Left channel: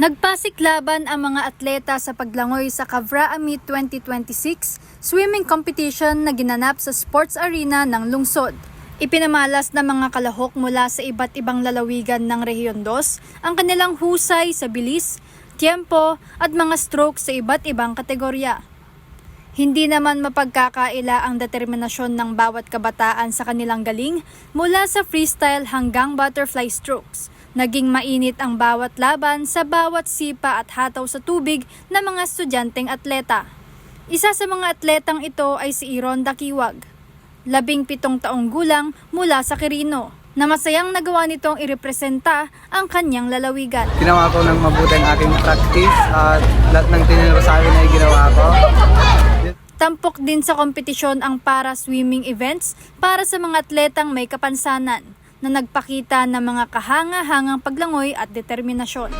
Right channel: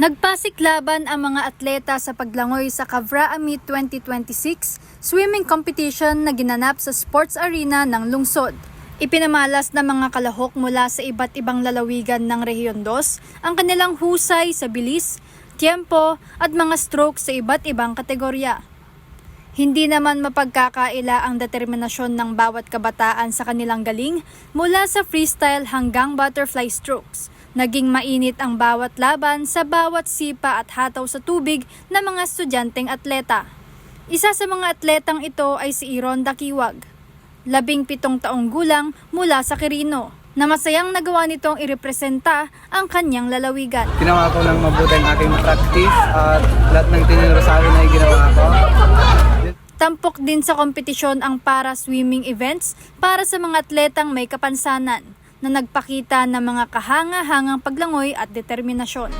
Nagpasiklaban ang mga atleta sa paglangoy sa Cavra Amit 2026 swimming competition na ginanap sa sports arena ng lungsod. Ipinamalas ng mga kalahok mula sa iba't ibang lalawigan ng Rehiyon 2 ang kanilang husay sa bilis, tiempo at mga stroke sa iba't ibang kategorya. Hindi naman mapagkakaila ang determinasyon ng bawat kabataan sa kanilang galing mula sa freestyle hanggang butterfly strokes. Naging mainit ang bawat laban sa bawat sipa at hataw sa tubig ng mga estudyanteng atleta. Isa sa mga atletang ito ay si Ironda Kiwag, 17 taong gulang mula sa Quirino, na masayang nagawa nitong irepresenta ang kanyang lalawigan. Ginawa ko ng mabuti ang aking practice at lahat ng tinuro sa akin ay ginawa ko. Tampok din sa kompetisyon ang para-swimming events para sa mga atletang may kapansanan na nagpakita ng mga kahanga-hangang paglangoy at determinasyon.